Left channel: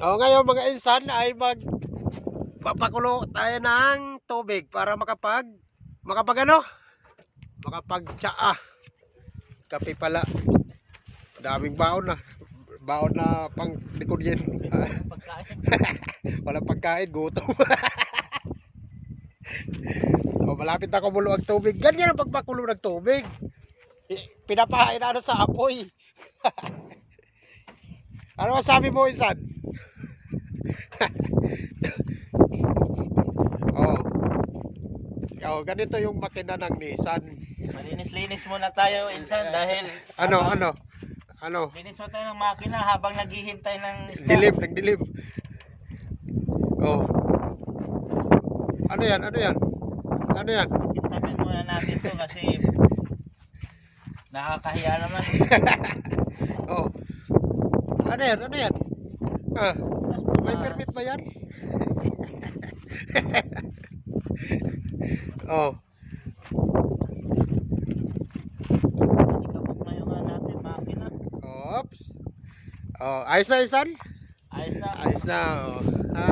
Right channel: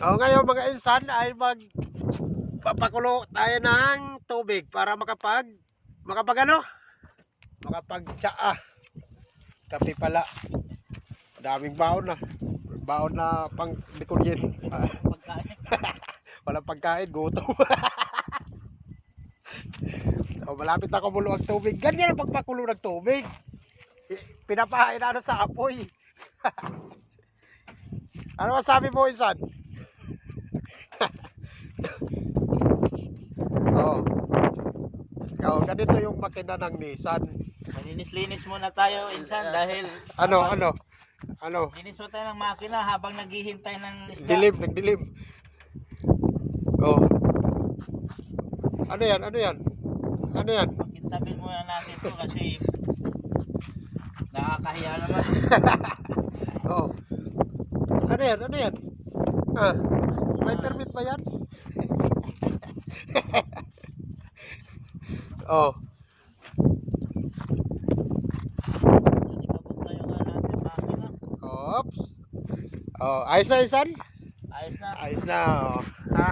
Ngayon mga insan ay magpapakulo tayo ng tubig para makapag ano? Makapagtsaa. Kape pala. Daming baon na. Baon na pang likod yan. Walang pagkain, gutom. So, malapit na kumulo ang tubig. Ganyan ang pagpakulo ng tubig. Pinapahain na sa apoy. Ano masabi mo, insan? Ganito yung makina ng Nissan. Malinis-linis muna tayo, insan, dahil Ano? linis mo tayo ng makina habang naghihintay ng isda. Nagdilim. Ano yan? Tabi muna natin to kasi nakakahiya naman. Ano yan? May permit ba yan? Ikabog na yung natin makina. Oops. Ayos na, insan? Ayos na. Ayos na. Ha?